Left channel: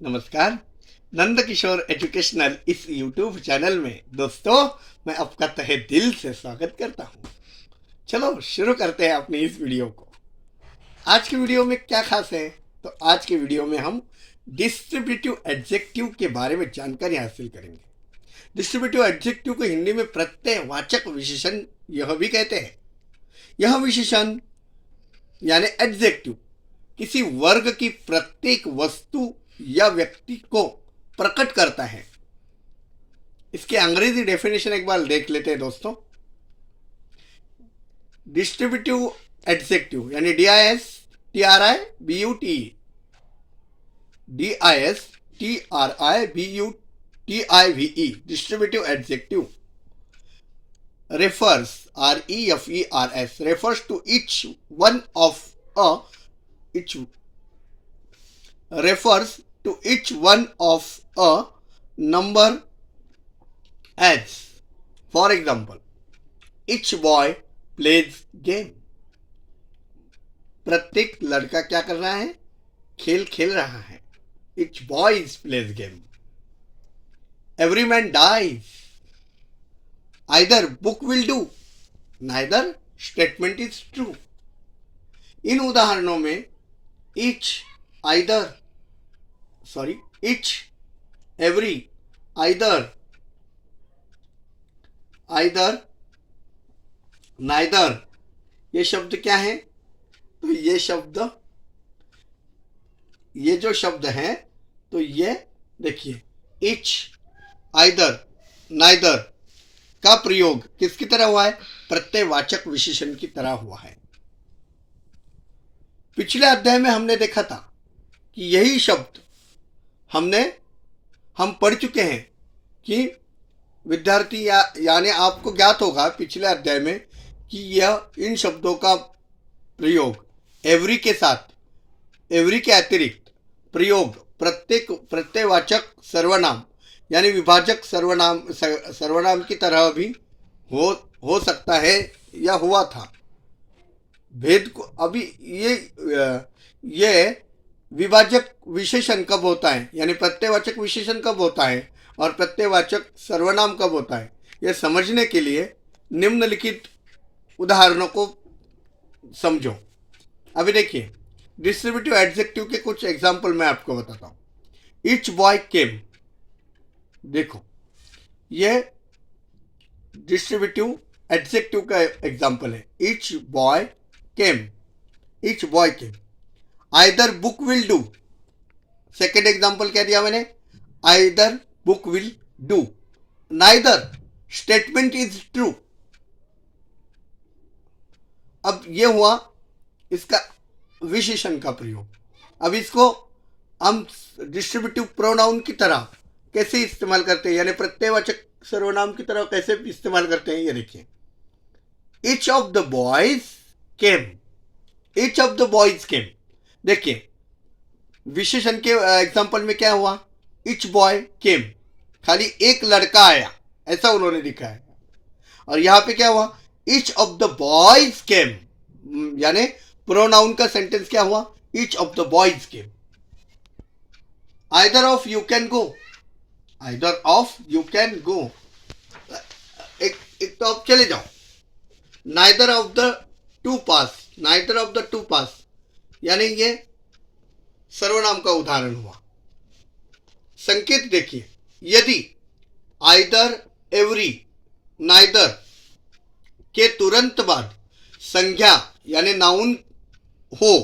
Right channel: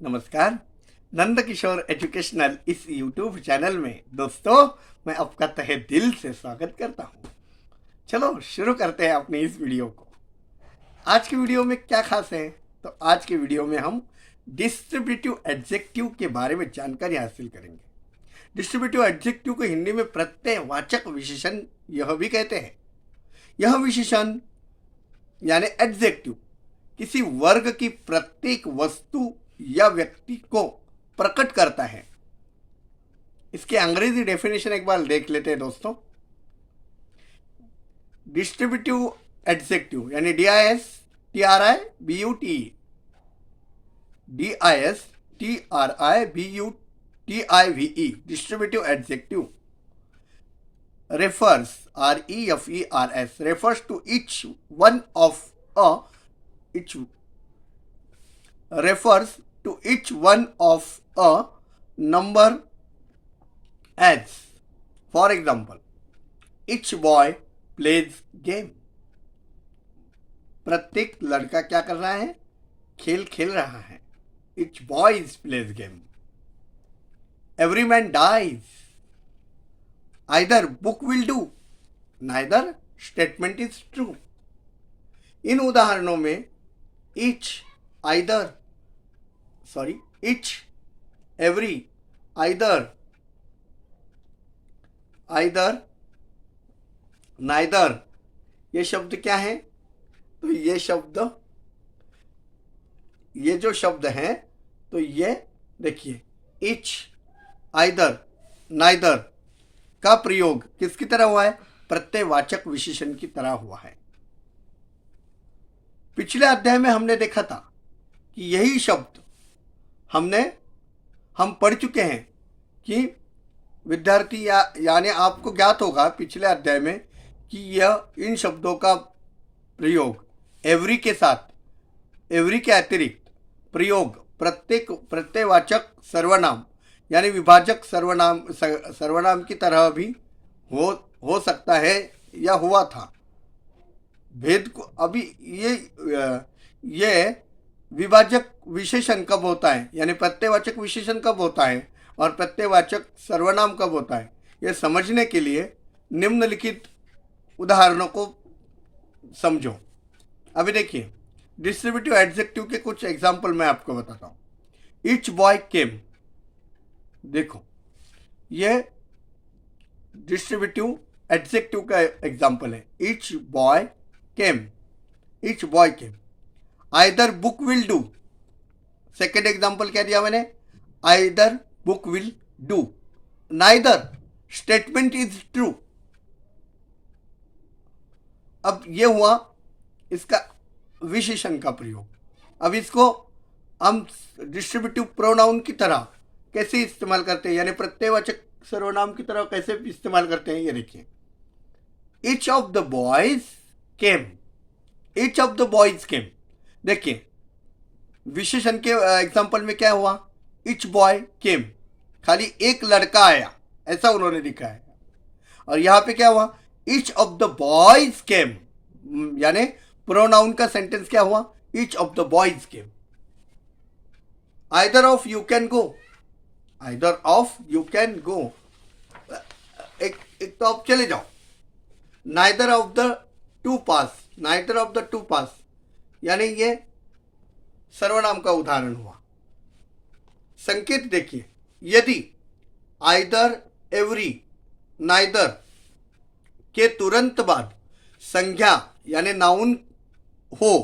नमस्कार। नंद किशोर एजुकेशनल इस YouTube channel में दोस्तों मैं आपका तहे दिल से स्वागत करता हूँ। चलो शुरू करते हैं अपनी इस वीडियो को। आज की वीडियो में क्या खास है, तो आज की वीडियो में हम डिस्ट्रीब्यूटिव एडजेक्टिव के बारे में जानकारी हासिल करेंगे। डिस्ट्रीब्यूटिव एडजेक्टिव को हिंदी में प्रत्ययवाचक विशेषण यह भी कहते हैं। यह विशेषण यानी एडजेक्टिव किसी वर्ग की प्रत्येक वस्तु या व्यक्ति को प्रकट करता है। इसके अंग्रेजी डेफिनेशन एक बार देख लेते हैं दोस्तों। डिस्ट्रीब्यूटिव एडजेक्टिव यानी DISTRIBUTE distributive adjective refers to each one of a number as, for example, each boy plays game. प्रत्येक लड़का क्या कर रहा है? खेल खेल रहा है। Each boy plays game. Every man dies. Either book will do, neither statement is true. इन उदाहरणों में each, either, each, every, either, neither ये शब्द क्या है? तो ये जो शब्द हैं तो ये देखिए each, either, neither का प्रयोग किसकी तरह हुआ है? प्रत्ययवाचक विशेषण की तरह हुआ है। पिछले अध्याय में हमने देखा था कि यही शब्द हम पढ़ चुके हैं कि विद्यार्थी यानी आपको ज्ञात होगा पिछले अध्याय में कि यह इन शब्दों का प्रयोग एवरी के साथ, एवरी के अतिरिक्त प्रयोग प्रत्ययवाचक सर्वनाम यानी विभाजक सर्वनाम की तरह भी हो सकता है या हुआ था। भेद को अभी ये विभाजक विशेषण कब होता है यानी प्रत्ययवाचक विशेषण कब होता है और प्रत्ययवाचक सर्वनाम कब होता है, यह समझने के लिए निम्नलिखित उदाहरणों को समझो। अभी देखिए डिस्ट्रीब्यूटिव एडजेक्टिव के कुछ एग्जाम्पल मैं आपको बताता हूँ। ईच बॉय केम, देखो ये डिस्ट्रीब्यूटिव एडजेक्टिव का एग्जाम्पल है। Each boy came, each boy came. Either book will do, second example क्या दिया मैंने? Either book will do. Neither statement is true. अब ये हुआ इसका विशेषण का प्रयोग। अब इसको हम डिस्ट्रीब्यूटिव प्रोनाउन की तरह कैसे इस्तेमाल करते हैं यानी प्रत्ययवाचक सर्वनाम की तरह कैसे इस्तेमाल करते हैं, ये देखिए। Each of the boys came, each of the boys came. देखिए विशेषण के एग्जांपल में क्या हुआ? ईच बॉय केम, खाली एक लड़का आया ऐसा उन्होंने दिखाया। और यहां पे क्या हुआ? Each of the boys came, यानी प्रोनाउन का सेंटेंस क्या हुआ? Each of the boys came. Either of you can go, either of you can go, एक तो आप चले जाओ। Neither of the two pass, neither of the two pass, यानी ये सर्वनाम का उदाहरण हुआ। संकेत देखिए, यदि आइदर, एवरी, नाइदर के तुरंत बाद संज्ञा यानी नाउन हो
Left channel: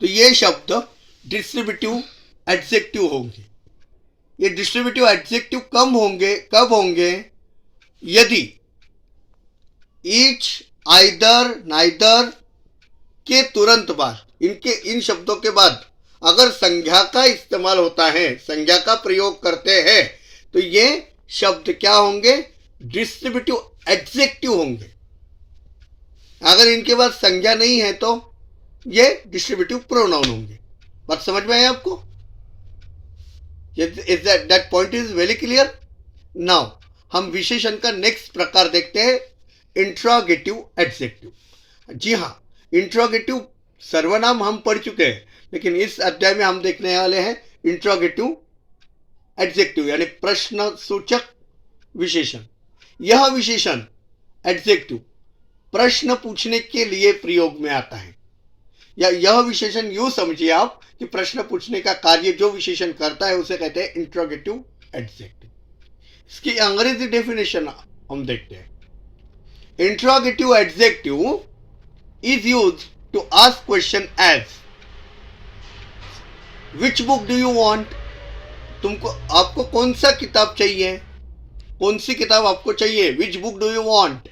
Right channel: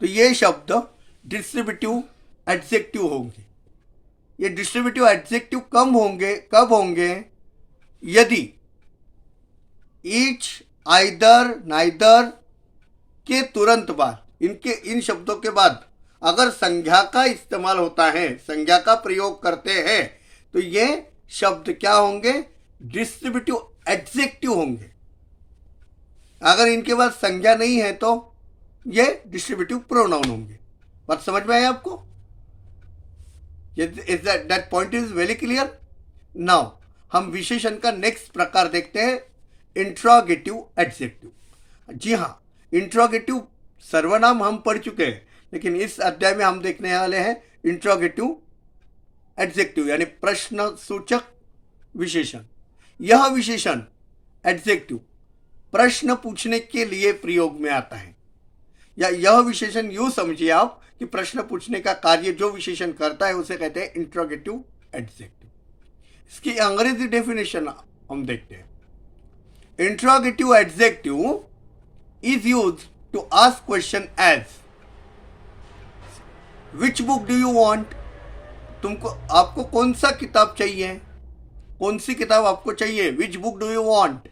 तो ये शब्द डिस्ट्रीब्यूटिव एडजेक्टिव होंगे। ये डिस्ट्रीब्यूटिव एडजेक्टिव कब होंगे? यदि ईच, आइदर, नाइदर के तुरंत बाद, इन शब्दों के बाद अगर संज्ञा का इस्तेमाल होता है, संज्ञा का प्रयोग करते हैं तो ये शब्द क्या होंगे? डिस्ट्रीब्यूटिव एडजेक्टिव होंगे। अगर इनके बाद संज्ञा नहीं है तो ये डिस्ट्रीब्यूटिव प्रोनाउन होंगे। बात समझ में आई आपको? That point is very clear. Now हम विशेषण का नेक्स्ट प्रकार देखते हैं, इंट्रोगेटिव एडजेक्टिव। जी हाँ, इंट्रोगेटिव सर्वनाम हम पढ़ चुके हैं, लेकिन इस अध्याय में हम देखने वाले हैं इंट्रोगेटिव एडजेक्टिव यानी प्रश्न सूचक विशेषण। यह विशेषण एडजेक्टिव प्रश्न पूछने के लिए प्रयोग में आता है, या यह विशेषण यूं समझिए आप कि प्रश्न पूछने का कार्य जो विशेषण करता है उसे कहते हैं इंट्रोगेटिव एडजेक्टिव। इसकी अंग्रेजी डेफिनेशन हम देखते हैं। Interrogative adjective is used to ask question as which book do you want, आपको कौन सा किताब चाहिए, कौन सी किताब आपको चाहिए, which book do you want,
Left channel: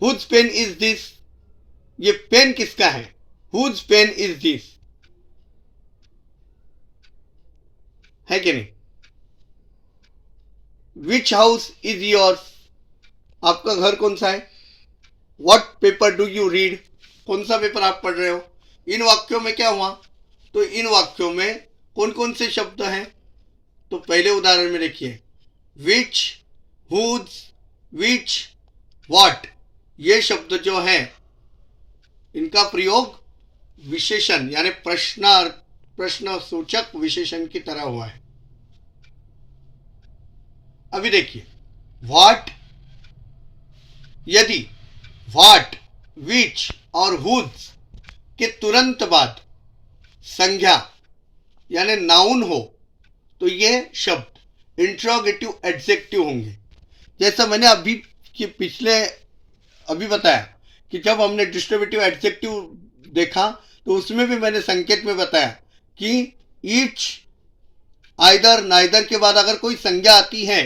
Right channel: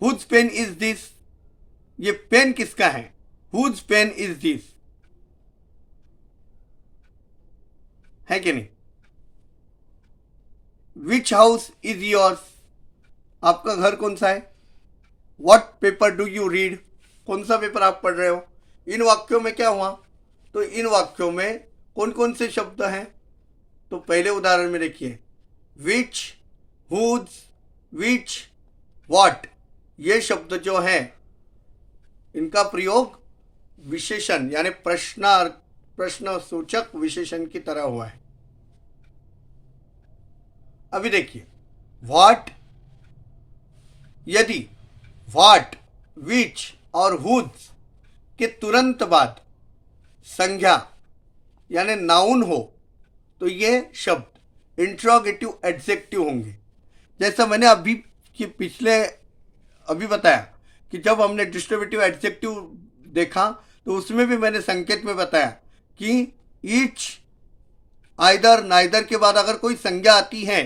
whose pen is this, ये पेन किसका है, हुज पेन इज दिस, है कि नहीं। विच हाउस इज योर्स, आपका घर कौन सा है, what paper do you read, कौन सा पेपर आप पढ़ रहे हो। इन वाक्यों में क्या हुआ, तो इन वाक्यों में कौन कौन से शब्द हैं, तो पहले उदाहरण में देखिए विच, हुज, विच, व्हाट, ये शब्द जो है इनका प्रयोग विशेषण यानी प्रश्न सूचक विशेषण की तरह हुआ है। अभी देखिए व्हाट, यदि व्हाट, विच और हुज के तुरंत बाद संज्ञा यानी नाउन हो तो ये शब्द इंट्रोगेटिव एडजेक्टिव होंगे। जैसा मैंने अभी बताया कि जब हमने डिस्ट्रीब्यूटिव एडजेक्टिव देखा तो उसमें भी मैंने संकेत में बताया कि ईच, आइदर, नाइदर के बाद अगर कोई संज्ञा आती है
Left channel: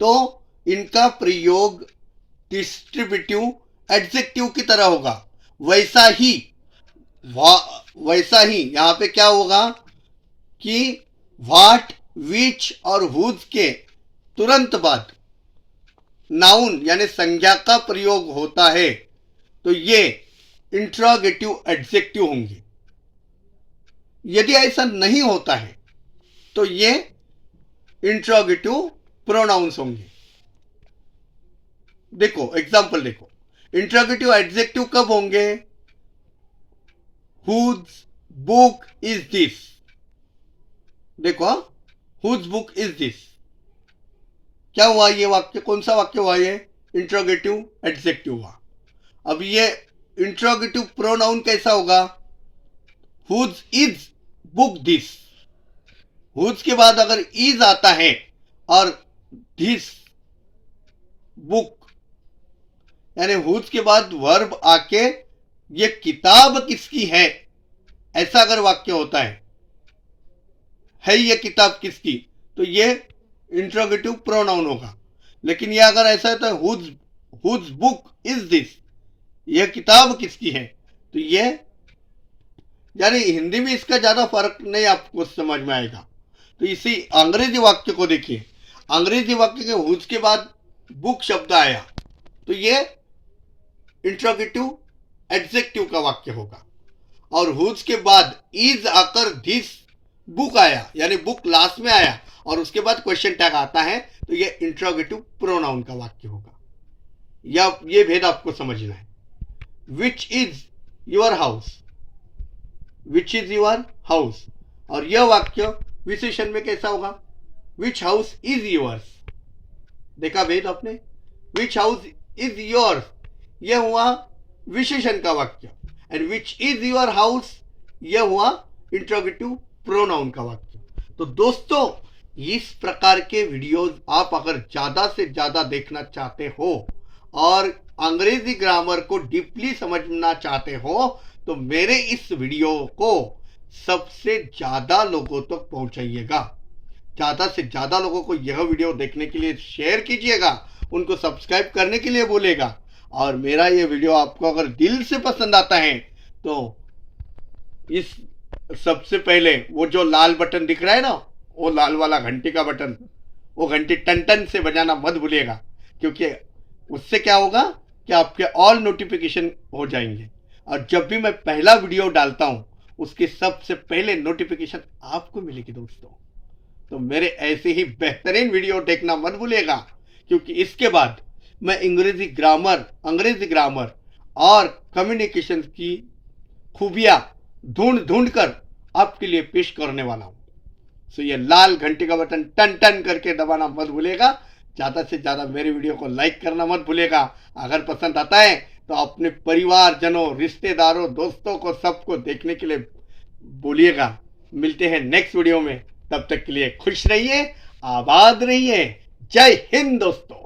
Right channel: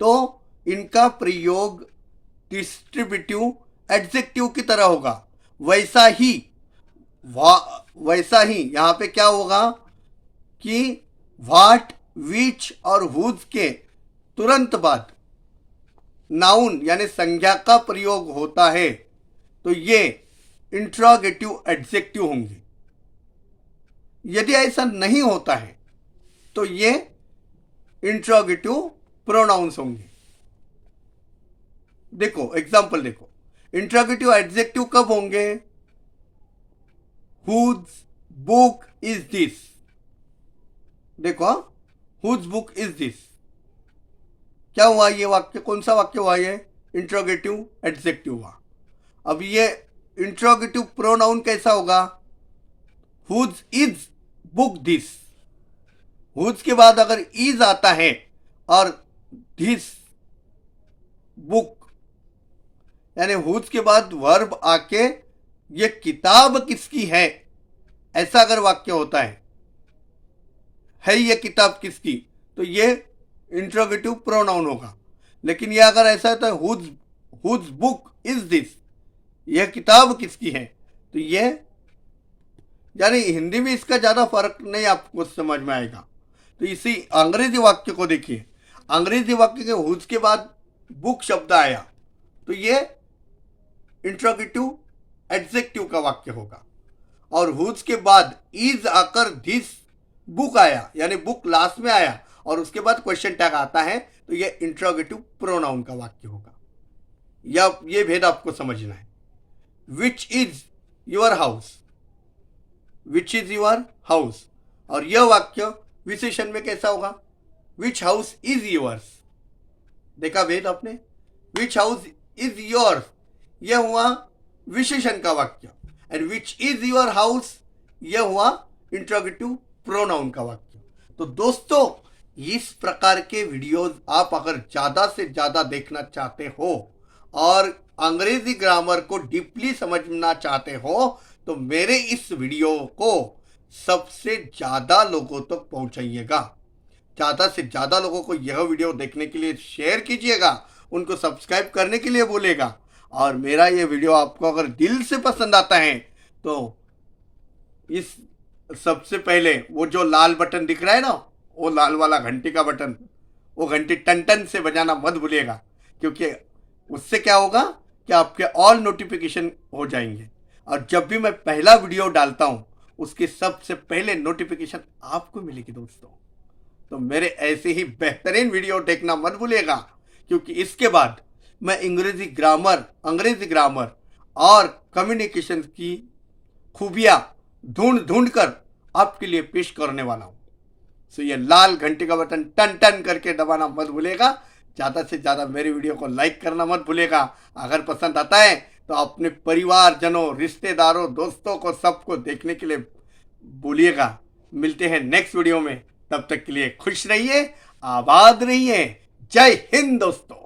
तो इनका प्रयोग डिस्ट्रीब्यूटिव एडजेक्टिव की तरह होगा। वैसा ही यहाँ पे क्या होगा कि व्हाट, विच और हुज के तुरंत बाद नाउन यानी संज्ञा का प्रयोग होता है तो ये इंट्रोगेटिव एडजेक्टिव होंगे। यदि ऐसा नहीं होता है तो ये इंट्रोगेटिव प्रोनाउंस होंगे। देखो एग्जांपल देखो, इंट्रोगेटिव एडजेक्टिव कब होंगे, हुज बुक इज दिस, देखो हुज बुक इज दिस, क्या हुआ ये वाक्य, कौन सा वाक्य हुआ ये, इंट्रोगेटिव एडजेक्टिव हुआ। अब ये इंट्रोगेटिव प्रोनाउन कैसा होगा, whose is book this, whose के बाद अगर इज आता है और दिस बुक यानी हुज के बाद वर्ब आके ये किताब किसकी है, ऐसा अगर वाक्य होता है ये किताब किसकी, तो ये इंट्रोगेटिव प्रोनाउन होगा। लेकिन ये अगर ऐसा होता है हुज बुक इज दिस, यह किताब किसकी है, तो ये यानी हिंदी में इसका ज़्यादा फर्क नहीं आपको समझ में आएगा। तो इसी अंग्रेजी वाक्य को देखिए, अंग्रेजी वाक्य के हुज के बाद बुक शब्द आया तो ये इंट्रोगेटिव एडजेक्टिव का वाक्य होगा, और हुज के बाद इज आकर दिस बुक आया यानी बुक लास्ट में आया और उसके बाद क्वेश्चन टैग आता है तो ये इंट्रोगेटिव प्रोनाउन का वाक्य होगा। या ये भेद आपको समझना है। Which is your house, which is your house, और यह वाक्य विशेषण में कैसा होगा, विच हाउस इज योर्स, देखा भेद आपने, विच हाउस इज योर्स यह हुआ विशेषण का वाक्य, and which is your house यह हुआ इंट्रोगेटिव प्रोनाउन का वाक्य। तो दोस्तों इस प्रकार के वीडियोस आप अगर ज़्यादा से ज़्यादा देखना चाहते हो और अंग्रेजी ग्रामर को डीपली समझना चाहते हो तो मेरे इस वीडियो को सबसे ज़्यादा लोगों तक पहुंचाइएगा। ज़्यादा से ज़्यादा लोगों को यह वीडियो देखने के लिए शेयर कीजिएगा, उनको सब्सक्राइब करने के लिए बोलेगा। और मेरा ये वीडियो आपको अगर दिल से पसंद आता है तो इस सबसे पहले वो जो लाल बटन दिख रहा है ना, वो लाल वाला घंटी का बटन, वो घंटी टन टन से बजाना मत भूलिएगा, क्योंकि उससे क्या होगा कि आपके ऑल नोटिफिकेशन हो जाएंगे और जब भी मैं पहला वीडियो डालता हूँ उसकी सबसे पहले नोटिफिकेशन आपको मिलेगी दोस्तों। तो मेरे ऐसे ही बेहतरीन वीडियो देखना मत भूलिएगा, क्योंकि इसके बाद मैं अंग्रेजी ग्रामर और कम्युनिकेशन की खूबियाँ ढूंढ कर आपके लिए पेश करने वाला हूँ। सो ये लाल घंटी का बटन टन टन करके दबाना मत भूलिएगा। ज़्यादा से ज़्यादा मेरी वीडियो को लाइक करना मत भूलिएगा। अगर पसंद आता है तो अपने परिवारजनों, रिश्तेदारों, दोस्तों को सबको देखने के लिए बोलिएगा। मिलते हैं नेक्स्ट वीडियो में, तब तक के लिए खुश रहिए, आबाद रहिए। जय हिंद दोस्तों।